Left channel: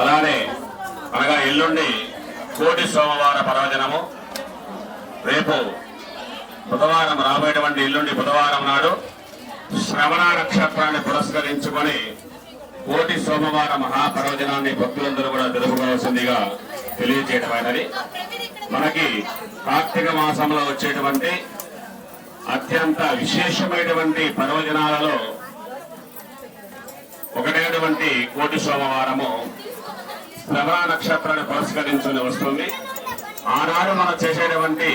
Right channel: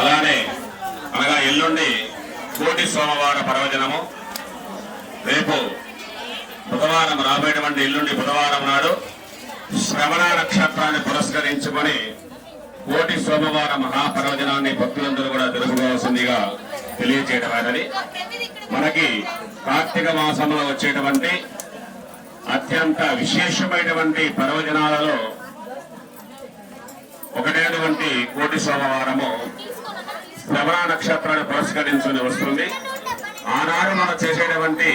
అలానే అనగా ఎల్లుండి కోటి సోమవార పర్వదినము. రేపు బుధవారం రాబోయేటువంటి ఎల్లుండి బుధవారం నాడు శ్రవణ నక్షత్రాన్ని పురస్కరించుకొని కోటి సోమవార మహాపర్వదినాన్ని భక్తులందరూ కూడా జరుపుకోవాల్సిందిగా తెలియచేయడమైనది మనకి కార్తీక మాసంలో వచ్చేటువంటి అత్యంత విశేషమైనటువంటి పర్వదినాలలో ఒకటైనటువంటి కోటి సోమవారము. ప్రభా నక్షత్రాన్ని పురస్కరించుకుని వస్తుంది. ఆనాడు మనం చేసేటువంటి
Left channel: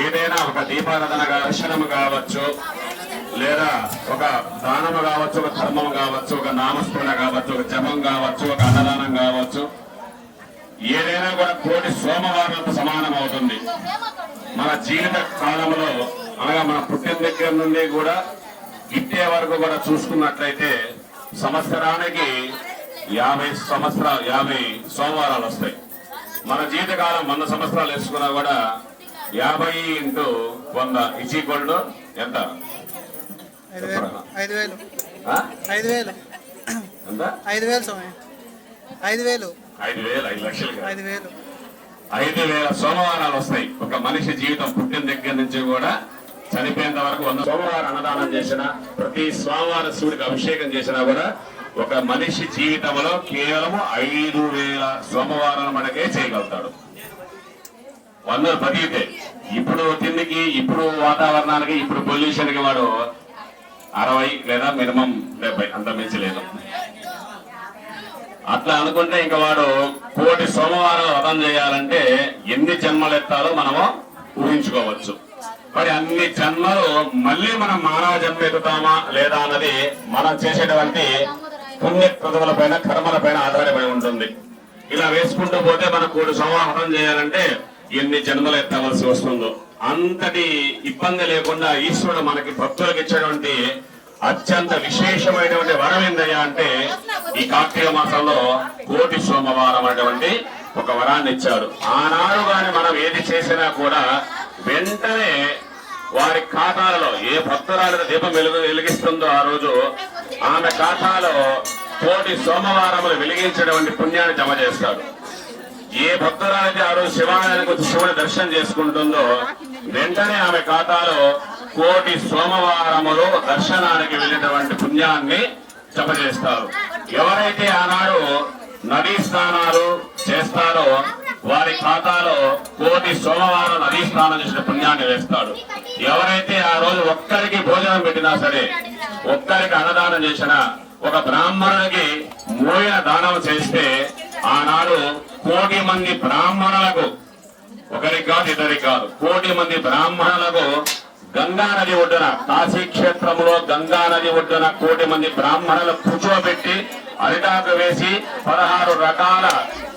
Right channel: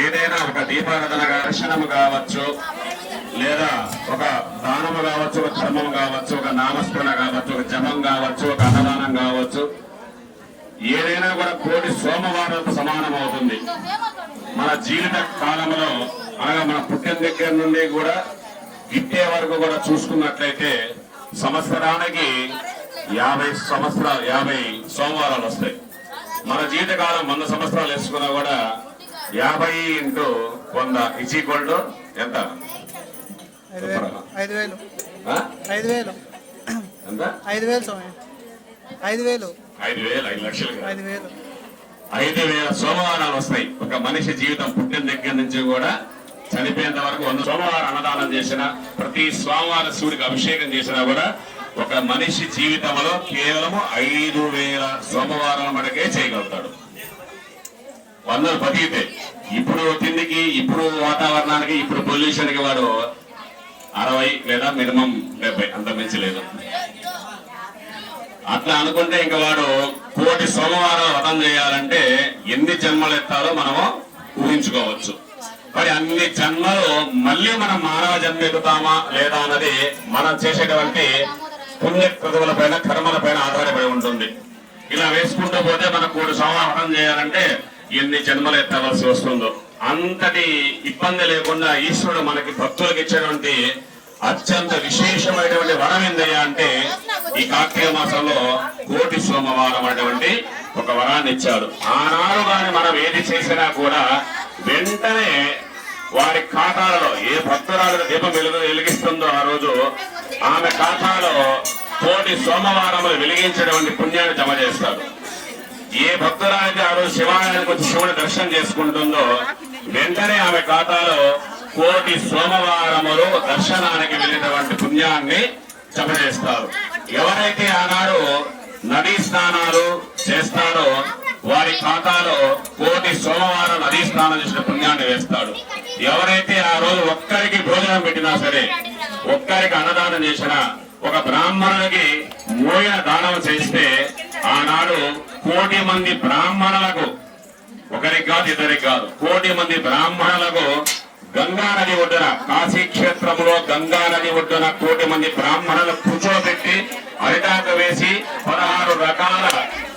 ఏదైనా ఒక దీపారాధన దర్శనము కావచ్చు లేదా ఒక దానము కావచ్చు ఒక ధర్మం కావచ్చు ఒక నామస్మరణ కావచ్చు ఒక జపం కావచ్చు ఒక అన్నదానం కావచ్చు ఏదైనా కూడా కోటి సోమవారం సమానం అవుతుంది మన జీవిత కాలంలో అనగా మన పుట్టిన దగ్గర నుండి కూడా ఇట్టే వరకు కూడా చూసుకున్నట్లయితే సంవత్సరానికి యాభై సంవత్సరాలు యాభై సోమవారాలు వస్తాయి. మన జీవితకాలం వంద సంవత్సరాలు వేసుకున్నా కూడా యాభై ఇంటూ వంద ఇజ్ ఈక్వల్ టు ఎంత? ఐదు వేలు. ఐదు వేలు? ఐదు వేలు. ఐదు స్వామి. ఐదు వేలు. ఐదు వేలు ఐదు లక్షలు. ఐదు వేలు. ఐదు వేల సోమవారాలు వస్తాయి. ఒక మనిషి జీవితం పుట్టిన దగ్గర నుంచి కూడా చనిపోయేంత వరకు వంద సోమవారం అన్నదానం చేసిన ప్రతి సోమవారం శివుడికి అభిషేకం చేసినా కూడా ఒక మనిషి జీవితంలో కేవలం ఐదు వేల సోమవారం మనకే చేయగలుగుతాడు. వందలు బతికితే ఇప్పుడు తిండికి ఇప్పుడు వాతావరణానికి ఇప్పుడు పొల్యూషన్కి వాడు అరవై లేదా మినిమం డెబ్బై అంత మించి లేదు. అట్లా అనుకుంటే ఇంకా వాడు కోటి సోమవారాలు వ్రతం చేయాలంటే ఎన్ని జన్మలు ఎత్తాలో మనము ఊహించుకోవచ్చు. మరి అన్ని జన్మలు మళ్ళీ మనం మానవ జన్మ ఎత్తుతామా లేదా అన్నది మనం చేసేటువంటి పుణ్యకృతుల పైన కర్మల పైన ఆధారపడి ఉంటుంది. ఇలా వేసుకుంటూ పోతే మన కోటి సోమవారం చేయాలంటే ఎన్ని జన్మలు ఎత్తవలసి వస్తుందో. అంతటి ఇబ్బంది లేకుండా ఈశ్వరుడు మనకి భక్తులకు ఇచ్చేటువంటి అత్యంత విశేషమైనటువంటి వరం ఏందయ్యా అంటే ఈ కార్తీక మాసంలో కోటి సోమవారం అటువంటి ఒక వరాన్ని ఇచ్చాడు. ఆనాడు కానీ మనం ఏది చేసినా కూడా వెంటనే వారి ఖాతాలలో ఏ భక్తురాలు దీపం వెలుగు వెలిగిస్తుందో ఆ రోజు ఆమె ఖాతాలో కోటి సోమవారములు వెలిగించినటువంటి పుణ్యాన్ని జమ చేస్తారు. ఏ భక్తురాలైతే ఆ రోజు శివాలయానికి వచ్చి శివుని దర్శనం చేసుకుంటుందో వెంటనే ఆమె ఖాతాలో కోటి సోమవారములు దర్శనానికి వెళ్ళినటువంటి పుణ్యాన్ని జమ చేస్తారు. ఎవరైతే ఆనాడు నదీ స్నానాలు చేస్తారో వారి ఖాతాలో కోటి సోమవారం నదీ స్నానం చేసిన పుణ్యాన్ని వేస్తాడు ఎవరైతే ఆ రోజు ఒక్కరికి భోజనం పెట్టినా సరే ఒక్కరికి అన్నదానం చేసినా ఒక బ్రాహ్మణునికి మోయిన దానం చేస్తే ఆనాడు కోటి మంది బ్రాహ్మణులకు ఒకరికి కాదు ఇద్దరికి కాదు కోటి మంది బ్రాహ్మణులకు గంగా నది ఒడ్డున కాశీ క్షేత్రంలో గంగా నది ఒడ్డున కోటి మంది బ్రాహ్మణులు కూర్చోబెట్టి అరిటాకు వేసి పదహారు రకాల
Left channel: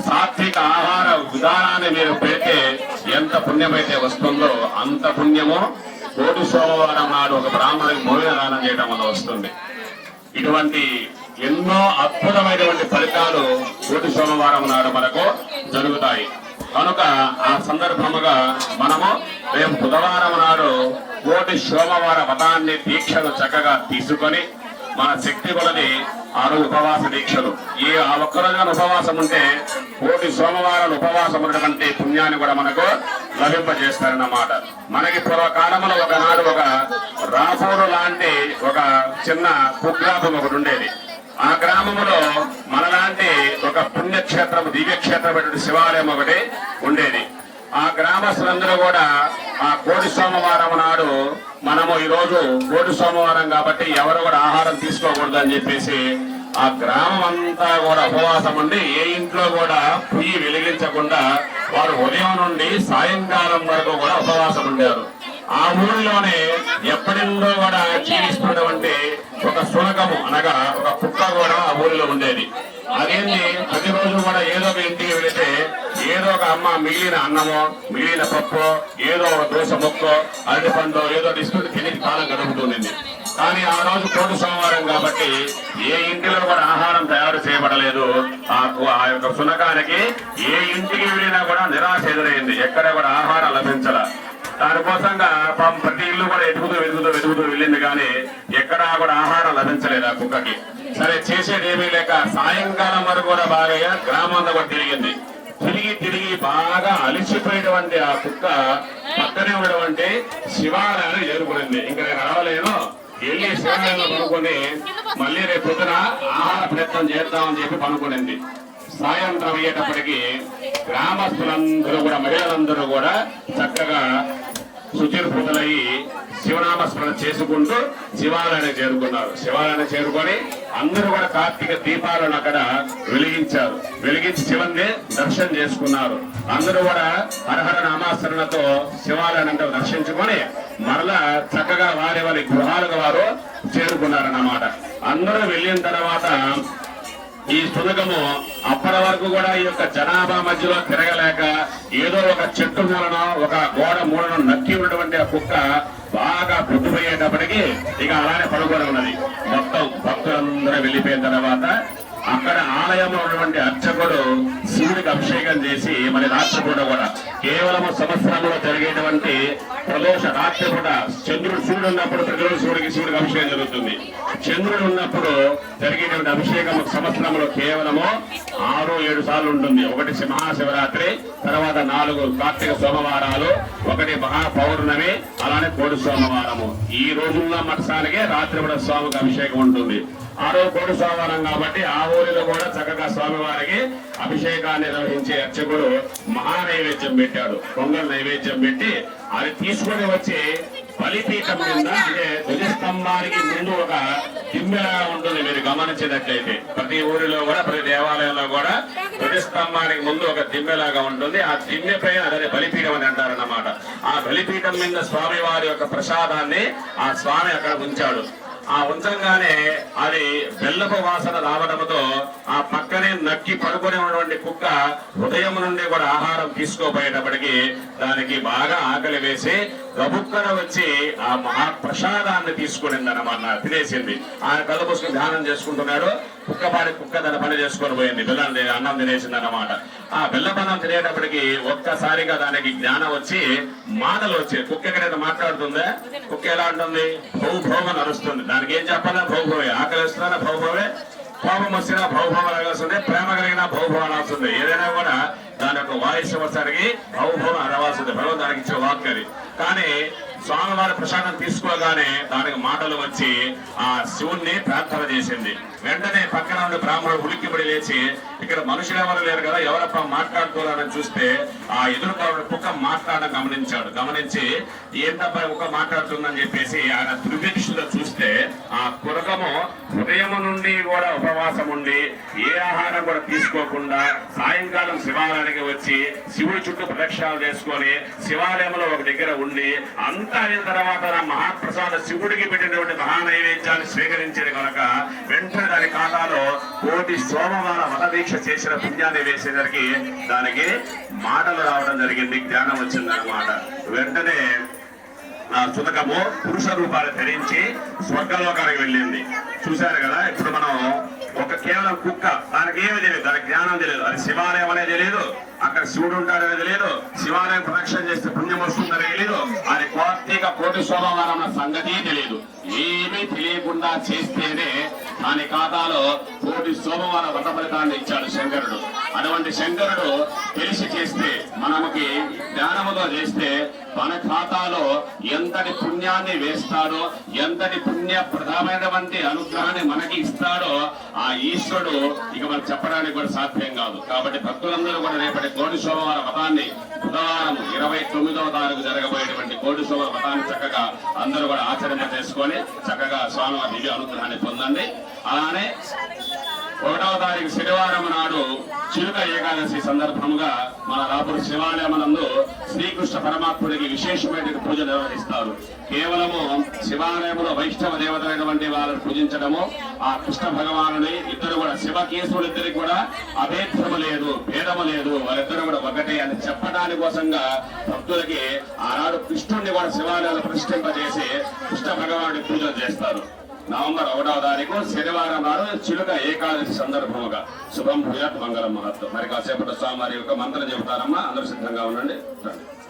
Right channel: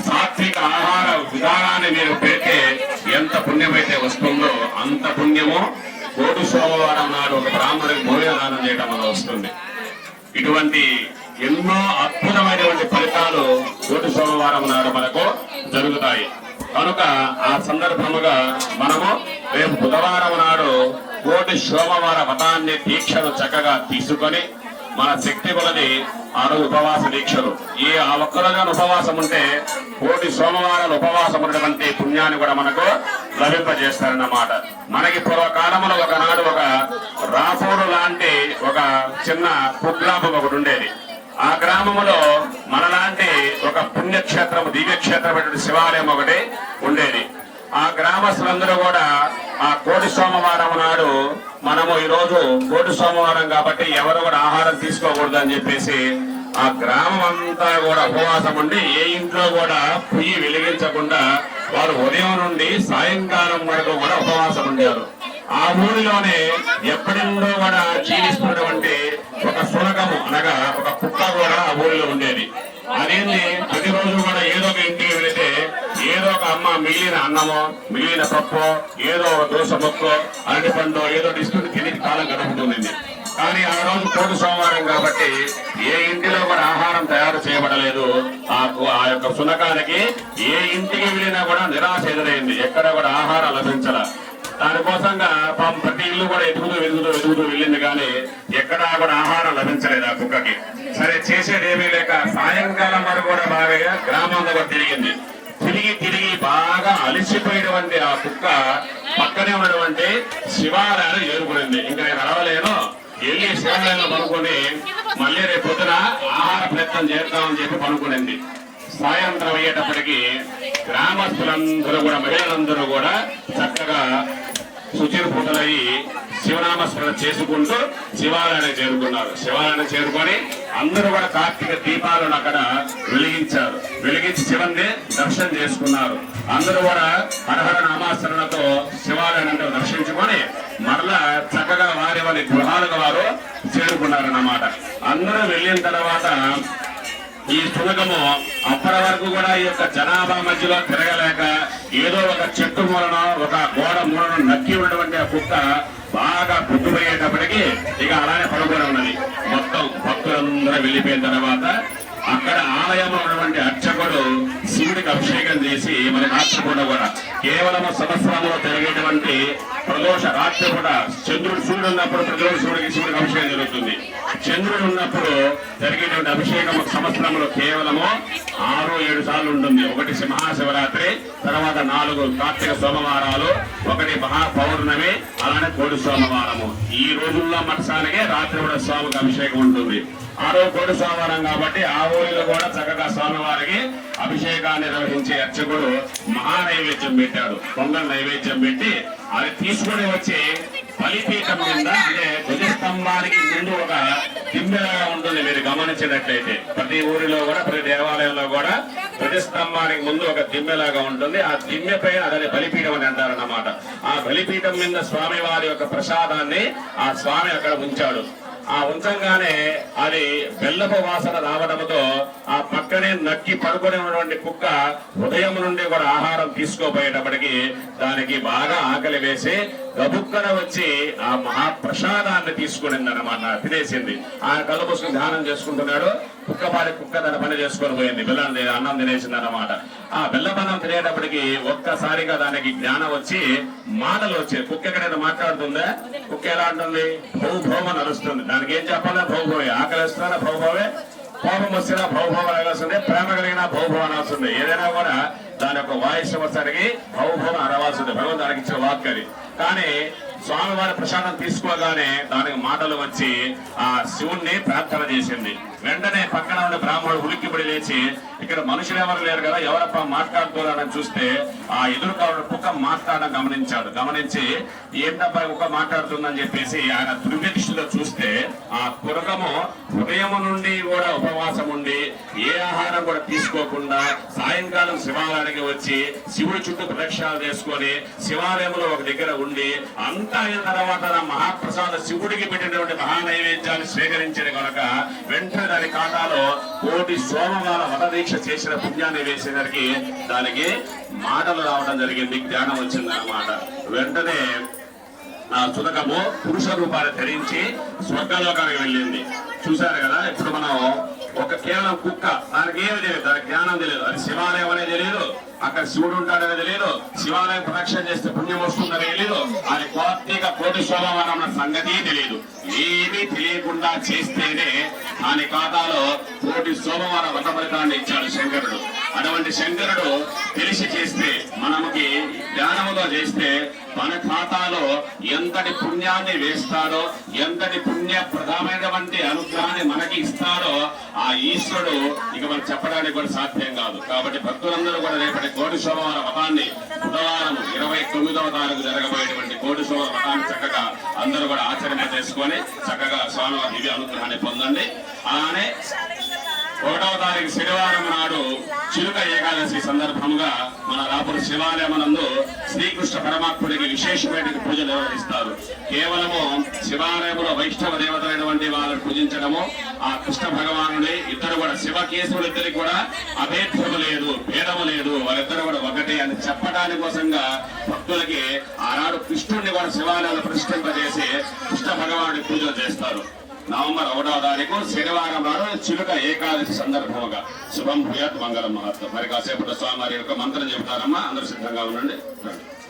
సాత్విక ఆహార విధానాన్ని మీరు పెడితే ఎంత పుణ్యమైతే వస్తుందో అంత పుణ్యమో కోటి సోమవారం నాడు ఒక బ్రాహ్మణుడికి భోజనదానం చేయడం వల్ల వస్తుంది. ఇటువంటి ఎన్నో అద్భుతమైనటువంటి ఫలితాలు కోటి సోమవారం నాడు మనకు జరుగుతాయి. కనుక ఆ సందర్భముగా మనము రేపు బుధవారం నాడు కోటి సోమవార వ్రతాన్ని దీక్షలు చక్కగా తీసుకొని మన శక్తి కొలది అను ఉపవాస దీక్షలు. ఈ ఆ ఒక్కరోజున ఉపవాసం ఉంటే కోటి సోమవారం ఉపవాసం ఉన్నటువంటి పుణ్యాన్ని కూడా మనకు లభింపజేస్తారన్నమాట. మనకి పూర్వకాలంలో ఒకనాడు ఒక రాపూరు లాంటి ఒక చిన్న కుగ్రామం ఒకటి ఉండేది. ఆ గ్రామములో మనలాంటి ఒక పుణ్యక్షేత్రం దివ్యక్షేత్రం శివాలయం ఒకటి ఉండేది. ఆ గ్రామస్తులందరూ కూడా ఆ కోటి సోమవారం నాడు మనము ఈ రోజు కోటి సోమవారం కాబట్టి ఎవరు కూడా ఆహారం తీసుకోకూడదు అని చెప్పేసి ఆ గ్రామం అంతా కూడా ఉపవాసం ఉండి ఏ ఇంట్లో కూడా పొయ్యి వెలిగించకుండా వారు ఉదయం నుండి సాయంకాలం వరకు కూడా ఉపవాసం ఉండారు ఆ ఊరిలోనే ఎప్పటిందో కూడా జీవిస్తున్నటువంటి ఒక శునకము అనగా ఒక కుక్క కూడా ఆ ఊరిలో ఉండేది. అదేంటి అమ్మ మిగిలిన అన్నమో మిగిలిన పప్పు ఏదో ఒక దోశ ముక్కో అరటి పండు ఏదో తీసుకుని తిని కాలం గడుపుతుంది కానీ ఆ రోజు కోటి సోమవారం కాబట్టి ఏ ఇంటిలో కూడా ఆహారం తయారు చేయబడలేదు. ఆ యొక్క సునకానికి ఏ ఇంటికి వెళ్ళినా కూడా నిరాశ ఎదురైంది. ఎక్కడ కూడా ఆహారం లభించాల. దానికోసంగా పాపం ప్రతి ఇల్లు కూడా ఎదుగుతూ వెతుకుతూ వెతుకుతూ వెళ్ళింది కానీ ఎక్కడా కూడా ఆహారం లభించలేదు ఆ కుక్కకి. సరే చేసేది ఏమీ లేక సాయంకాలం వరకు కూడా బాగా గ్రామంలో కూడా తిరిగింది. తిరిగి తిరిగి బాగా అలసిపోయినటువంటి ఆ కుక్క పక్కనే ఉన్నటువంటి శివాలయాన్ని చేరుకునింది ఇంకా నేను రావలేను. వెళ్ళి శివాలయంలో పనుకొని మళ్ళీ రేపు పొద్దున ఆహార ప్రయత్నం చేద్దామని చెప్పి పనుకునింది. సాయంత్రం అయ్యేటప్పటికి గ్రామస్తులందరూ కూడా మహిళలందరూ కూడా చక్కగా శుచిర్భూతులయ్యి శివనామస్మరణ చేసుకుంటూ శివాలయానికి చేరుకున్నారు. శివాలయానికి చేరుకొని అందరూ కూడా కార్తీక దీపాలను అక్కడ వెలిగించారు. వెలిగించి శివుని దర్శనం చేసుకున్నారు. అందరూ కూడా హరహర నామాస్మరణతో శివాలయాన్ని దర్శించుకొని మరలా చక్కగా వారి వారి గృహాలకు వారు చేరుకున్నారన్నమాట. అందరూ వెళ్ళిన తర్వాత ఈ సునకము అప్పటి వరకు కూడా ఈ యొక్క జనాభా మధ్యలో తిరగలేక ఏదో ఒక చెట్టు మూలన ఒక గోడ మూలన నక్కి ఉన్నటువంటి ఆ కుక్క బాగా పొద్దుపోయేటప్పటికి ఇక అలానే పడుకోవడం ఉన్నది. మొత్తం భక్తులందరూ వెళ్ళిపోయిన తర్వాత అక్కడ ఆలయంలో ఉన్నటువంటి అర్చకుడు శివుడికి అభిషేకం చేసి మరి రాత్రి పూట కూడా కేవలం సంవత్సరంలో జరిగేటువంటి ప్రదోష రాత్రి పూట చంద్రుడు శివుడు ఉన్నప్పుడు ప్రతిరోజు శివుడికి శివుడికి అభిషేకం జరుగుతుంది. చంద్రుడు ఉన్నప్పుడు జరిగేటువంటి అభిషేకం సంవత్సరంలో కేవలము ఆరు ఏడు సార్లు ఉంటుంది. ఒకటి మహాశివరాత్రి తర్వాత నాలుగు కార్తీక సోమవారాలు ఒకటి మహా పౌర్ణమి అలానే కోడి సోమవారము. ఈ రోజుల్లో మత్సానికే రాత్రి కూడా స్వామికి అభిషేకం ఉంటుంది. ఆ రోజు కోడి సోమవారం కాబట్టి ఆ ఊరిలో కూడా చక్కగా స్వామివారికి అభిషేకాన్ని నిర్వహించే అర్చకుడు మహా నైవేద్యం పెట్టాడు. పొంగల్ నైవేద్యం పెట్టి అది తీసుకొని వచ్చి బలిపీఠం మీద అంటే ధ్వజస్తంభానికి ముందు ఒక దిమ్మెలా ఉంటుంది మీరు గమనించినట్లయితే. ప్రతి ఊరిలో కూడా ప్రతి దేవాలయంలో కూడా ధ్వజస్తంభానికి ముందు ఒక దిమ్మెలాగా ఉంటుంది. ఆ దిమ్మె పైన అదే బలిపీఠం అని అంటారన్నమాట. ఆ బలిపీఠం మీద స్వామి వారి యొక్క ప్రసాదాన్ని ఆ స్వామి అక్కడ ఉంచాడు. ఆ ఉంచంగానే అది బెల్లపు వాసన రావడంతో ఆ పక్కనే నక్కి పడుకునే ఉన్నటువంటి కుక్క ఉదయం నుండి కూడా ఆహారం తీసుకోపోయేటప్పటికి దానికి బాగా ఆకలి వేసి గబుక్కన వచ్చి ఆ మహాప్రసాదాన్ని తీసుకునిందనమాట తినేసింది. ఆయన కళ్ళు ధ్యానం చేసుకుంటున్నాడు. కుక్క పాడి కుక్క తన పని చేసుకొని పోయింది. బెల్లం అన్నం తినేసింది అనమాట ఆ బెల్లబన్నం తినేటప్పటికి ఒక్కసారిగా దానికి జ్ఞానం వచ్చి మాటలు వచ్చాయి కుక్క ఎక్కడైతే మాట్లాడుతుందా? కుక్క ఎలా ఉంటుంది భౌ భౌమ నడుస్తుంది. దానికి ఏం చెప్పాలా? భౌభవే ఆకలి భౌభవే కోపం వచ్చినా భౌభవం అనాల్సిందే ప్రేమ కలిగిన భౌభవం అనాల్సిందే ఏదైనా కూడా దాని యొక్క వాయిస్ వచ్చరికి భౌభవం అనవలసిందే భగవంతు దానికి ఇచ్చే వాక్ అది కానీ స్వామివారి ప్రసాదం తీసుకోగానే దానికి మాటలు వచ్చి ఆ శివుణ్ణి ప్రార్థన చేసింది. వెంటనే పక్కన ఉండే బ్రాహ్మణుడు ఉలిక్కిపడి లేచి ఇక్కడ మనుషులు ఎవరు లేరు కదా ఎవరప్ప మాట్లాడుతున్నారని చూస్తే ఆ ఎదురుగా కుక్క మాట్లాడడం గమనించాడు. గమనించి ఏంటబ్బా కుక్క మాట్లాడుతుందని చెప్పేసి ఆయన దృష్టిలో చూస్తే ఆ కురకము ఉదయం నుండి కూడా ఉపవాసం ఉండి ఏ ఆహారం కూడా తీసుకోకుండా సాయంకాలం శివాలయానికి వచ్చి శివుడి చుట్టూ ప్రదక్షిణాలు చేసుకొని శివాలయంలో ఒక దగ్గర ఉండి అంతా అయిన తర్వాత మహాప్రసాద శివుడికి పెట్టినటువంటి మహా నైవేద్యాన్ని కనుక వెంటనే దాని ఖాతాలో కోటి సోమవార వ్రత చేసిన పుణ్యాన్ని వేసేసరికి దానికి మాటలు రావడం జరిగింది జ్ఞానం వచ్చిందనమాట వెంటనే ఆ సుతకము పురుష రూపాలు ధరించి స్వర్గలోకానికి వెళ్ళింది. చూశారు కదా? ఇప్పుడు మనం ఒక కేవలం కుక్క దానికి ఏమి తెలియదు దానికి జ్ఞానం తెలియదు. అది శివాలయం అనేది తెలియదు. అక్కడ శివుడు ఉంటాడని తెలియదు. శివాలయం ప్రదక్షిణ చేస్తే పుణ్యం వస్తుందని తెలియదు. అది కార్తీక కోటి సోమవారం అన్న సంగతి తెలియదు. ఏమీ తెలియకుండా చేస్తేనే దాని ఖాతాలో కోటి సోమవారం వ్రత ఫలితాన్ని ఇచ్చాడు శంకరుడు. అటువంటి శంకరుడు తెలిసి చేస్తే మనకి జ్ఞానముగా చేస్తే మన ఖాతాలో ఎంతటి పుణ్యాన్ని వేస్తాడో ఎంతటి పుణ్య ప్రధానమైనటువంటి అనుగ్రహాన్ని మనకి ఇస్తాడో ఆ ఈశ్వరుడు ఇక మనం చెప్పడానికి కూడా సాధ్యం కాదు. కాబట్టి భక్తులందరూ కూడా రేపటి కోటి సోమవార మతాన్ని బుధవారం ఇరవై తొమ్మిదవ తారీఖు జరగబోయేటువంటి కోటి సోమవార మతాన్ని చక్కగా అందరూ కూడా ఆచరణ చేసుకొని చక్కగా స్వామివారి దివ్య అనుగ్రహాన్ని పొందండి. అలానే ఒకటవ తారీఖు శనివారం నాడు చిలుక ఏకాదశి సందర్భముగా మన రాపురు శివాలయమనందు శ్రీకృష్ణ పరమాత్ముడికి విశేషమైన పూజ నిర్వహిస్తారు. కేవలము శివాలయంలో వైష్ణవ దేవతలైనటువంటి వాళ్ళని పూజించడము ఆ కృష్ణ భగవానుని ఇద్దరు కూడా శివ కేశవులు ఇద్దరికి కూడా అభేద్యము లేదు భేదము లేదు వాళ్ళిద్దరు కూడా ఒకటే అని చెప్పడానికి కోసంగా భక్తులకి ఆనాడు కృష్ణుడిని కూడా శివాలయాలు ప్రతిష్ఠింపజేసి కృష్ణ భగవానుడి పూజలు చేస్తారు. నవంబర్ ఒకటవ తారీఖు శనివారం నాడు చిలుక ఏకాదశి సందర్భముగా. శుభం భూయాత్ మంగళం మహత్వం. మరి కాసేపట్లో స్వామి యొక్క మంత్రం చెబుతారమ్మా. అందరూ సిద్ధంగా ఉండండి. రండి.